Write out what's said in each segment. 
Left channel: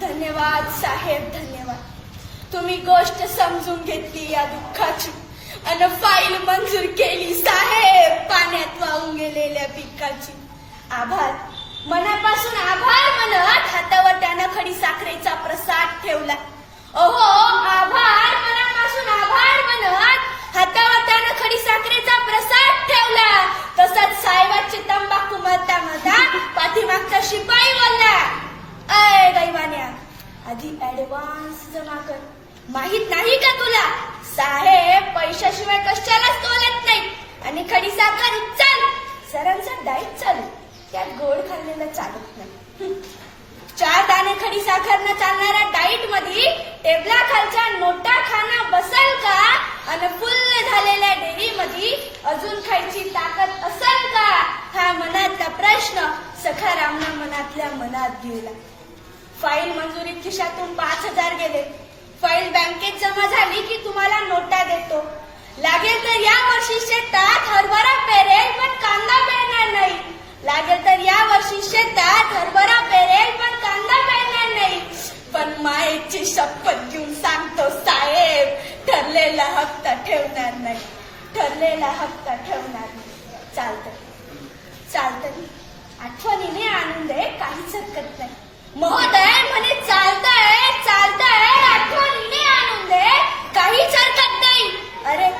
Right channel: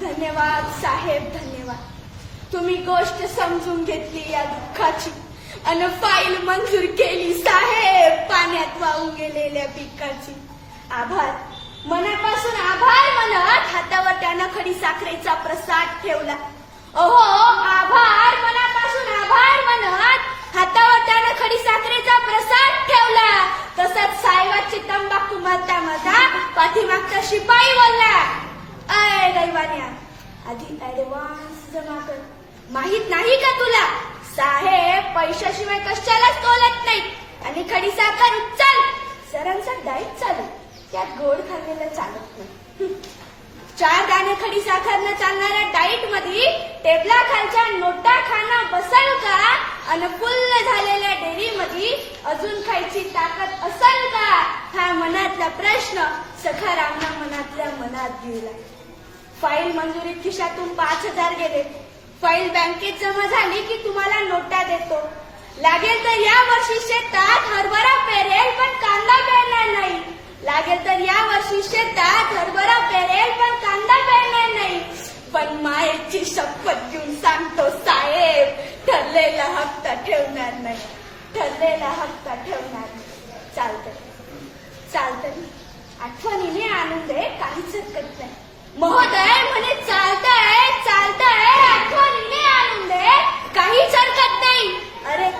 धन्यवाद साहेब धन्यवाद. तुम्ही गोष्ट समजून घेतली या दुःखाची. अन फाईल मंजूर केली साहेब. पाण्यात वाहून गेलेल्या पिकाची. आभार. मनापासून आभार म्हणत हातावर त्यानं खडी साखरेचा प्रसाद ठेवला. ओहो आभार. मनापासून आभार म्हणत हातावर त्यानं खडी साखरेचा प्रसाद ठेवला. तसंच साहेबाची तंबाखू मरता मरता पाठीमागचा शिपाई बोलला. अय आधी ऍडव्हान्स जमा कर. माहीत नाही का तुला? साहेब पैशाशिवाय कशालाच तोलत नाही. आणि खडी साखर उचल. सरांचा डाईट चालू. त्यात गोड खाल्लेला चालत नाही. चार दाणे खडी साखरनं चालणाऱ्या डाईटमध्ये टेबला खालच्या नोटा खाणं बसल का? आणि फुल्ल झालेल्या डेअरी मध्ये अजून खायची ताकद असल का? हा मनातला प्रश्न सखारामना मनातल्या मनात दिला फाईल मंजुरी खिशातून पाच हजार गेले. फाईल बँकेत जमा झाली की तुम्हाला नोटा देतो. लागेल तर या वर्षी शेतात हरभरा पेरेल पण कांदा पेरणार नाही. लागेल तर या वर्षी शेतात हरभरा पेरेल पण कांदा पेरणार नाही. पण मायेची शपथ घेऊन सांगतो साहेब ठरलेला हप्ता ठेवणार नाही. ठरलेला हप्ता ठेवणार नाही. चालतंय. चालतंय. आठवणीने आणून दे काहीच हरकत नाही. महोदय म्हणे चालताय चालताय आठवणीने आणून दे. काहीच हरकत नाही. अरे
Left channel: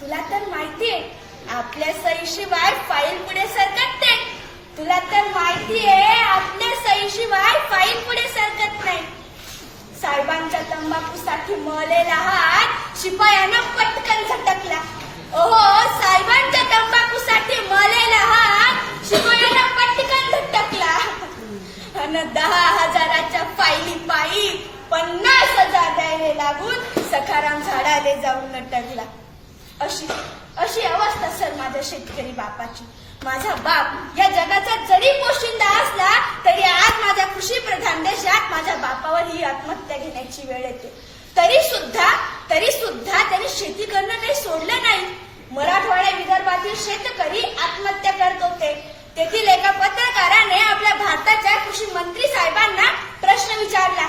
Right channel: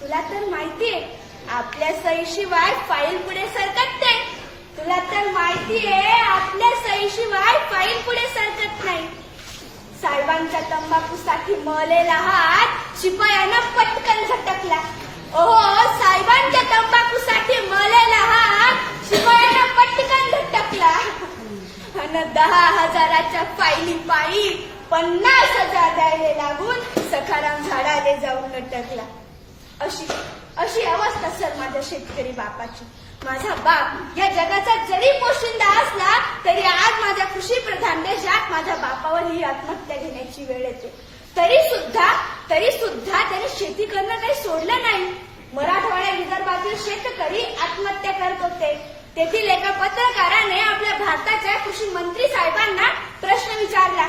तुला तर माहितीये आपल्या सईशिवाय फाईल पुढे सरकत नाही. तुला तर माहितीये आपल्या सईशिवाय फाईल पुढे सरकत नाही. साहेबांच्या तंबाखूसाठी मळलेला हात शिपायानं पटकन झटकला ओहो साहेबांच्या तंबाखूसाठी मळलेला हात शिपायानं पटकन झटकला अन दहा हजाराच्या फाईली पायी पन्नास हजार द्यायला लागून सखाराम झाडाले जाऊन लटकला अशी अशी अवस्था सर माझ्या शेतकरी बापाची. माझा बाप या जगाचा जरी पोशिंदा असला तरी आज माझ्या कृषी प्रधान देशात माझ्या बापावर ही आत्महत्या घेण्याची वेळ येते. तरी सुद्धा तरी सुद्धा त्याने शेती करणं काही सोडलं नाही. मराठवाड्या विदर्भातील शेतकरी आत्महत्या करत होते. तेथील एका पत्रकाराने आपल्या भारताच्या कृषी मंत्री साहेबांना प्रश्न विचारला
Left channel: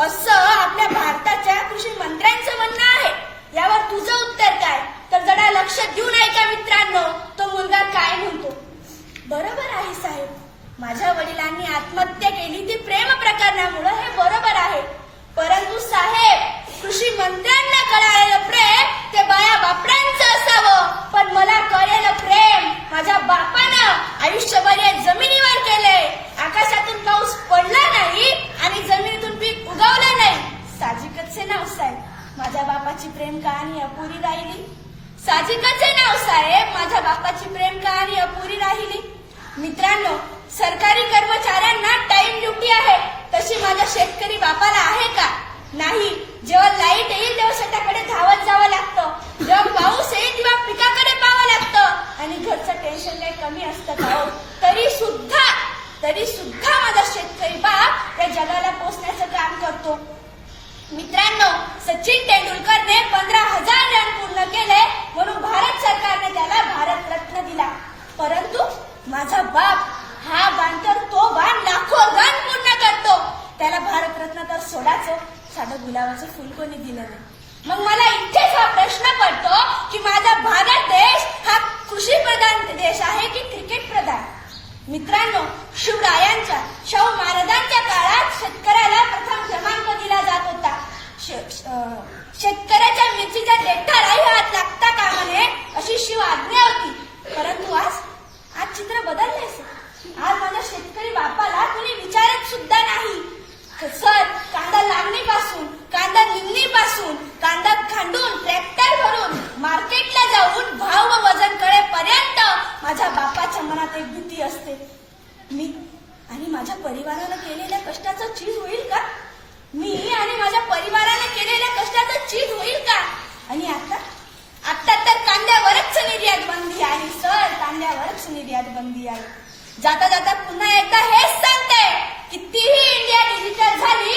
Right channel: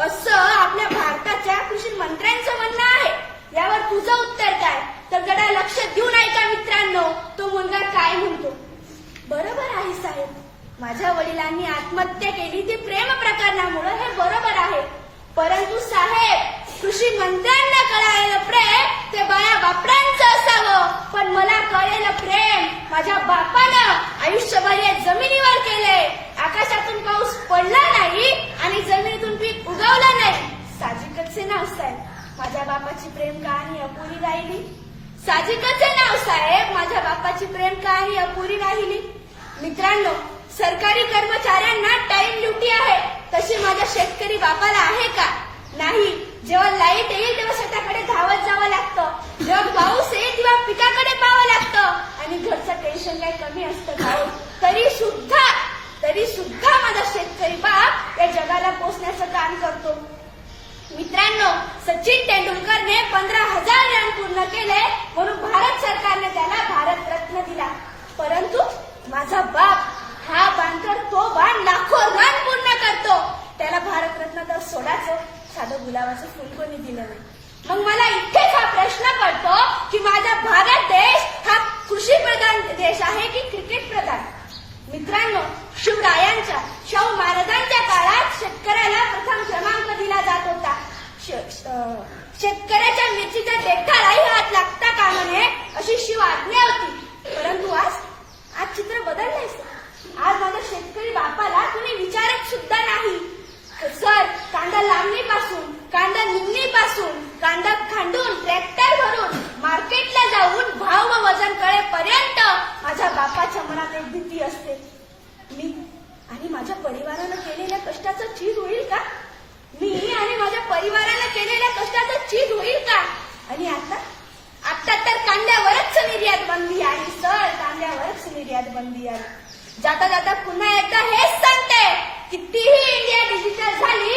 असं आपल्या भारताच्या कृषी मंत्र्यांचं म्हणणं आहे. यावर तुझं उत्तर काय? तर जरा लक्ष देऊन ऐका मित्रांनो. तो मुलगा काय म्हणतो? बरोबर आहे साहेब. माझ्या वडिलांनी आत्महत्या केली ती प्रेम प्रकरणामुळं हे बरोबर आहे. परंतु साहेब कृषी मंत्र्यांना कळालेलं प्रेम ते बाया बापड्यांचं असावं. पण मला कळलेलं प्रेम. माझ्या बापानं आयुष्यभर या जमिनीवर केलंय. आकाशातून पाऊस पडला नाही आणि जमिनीतून पीक उगवलं नाही. साजिकच नाव साहेब. माझ्या बापाची प्रेम कहाणी अपुरी राहिली. साजिकच आहे नाव साहेब. माझ्या बापाची प्रेम कहाणी अपुरी राहिली. मित्रांनो सरकारी कर्मचाऱ्यांना टाइम ड्युटी आहे. तशी माझ्या शेतकरी बापाला आहे का नाही जेव्हा लाइट येईल तेव्हा शेताकडे धावत जावं लागतं जेव्हा पाऊस येईल तेव्हा पिकाकडे पाहावं लागतं आणि घरचं टेन्शन काही कमी असतं का हो? तरी सुद्धा तरी सुद्धा माझा शेतकरी बाप जगाला पोचण्याचं काम करतो. मित्रांनो सचिन तेंडुलकरने पंधरा हजार रन पूर्ण केले म्हणून भारत सरकारने त्याला भारत रत्न दिला. परंतु माझा बाप हा बांधकर तो बाण लाखो रन पूर्ण करतो. त्याला भारत रत्न तर सोडाचं साधं गुलाबाचं फुल कोणी दिलं नाही. मग मला इथेच हा प्रश्न पडतो की माझा भारत देश हा कृषी प्रधान देश आहे की क्रिकेट प्रधान मित्रांनो शिवरायांच्या शाहू महाराजांच्या काळात शेतकऱ्याला प्रथम क्रमांक दिला जात होता. श- अं, शेतकऱ्याच्या मिरचीच्या देठालाही हात लागता कामा नये अशी शिव आज्ञा होती. परंतु आज आज चित्र बदलले आज माझ्या शेतकरी बापाला कुणी विचारत सुद्धा नाही. सर कांदा लावणीपासून कांदा निघणीपासून कांदा खांडून ट्रॅक्टर भरून मार्केटला जाऊन भाव व वजन कळेपर्यंत माझ्या बापाच्या मनात एक भीती असते मी आणि माझ्या परिवारानं केलेल्या कष्टाचं चीज होईल का मी आणि माझ्या परिवारानं केलेल्या कष्टाचं चीज होईल का आणि आता आता तर कांद्यावरच निर्यात बंदी आली सर कांद्यावरच निर्यात बंदी आली जाता जाता पुन्हा एकदा हेच सांगते कितीही इंडिया डिजिटल झाली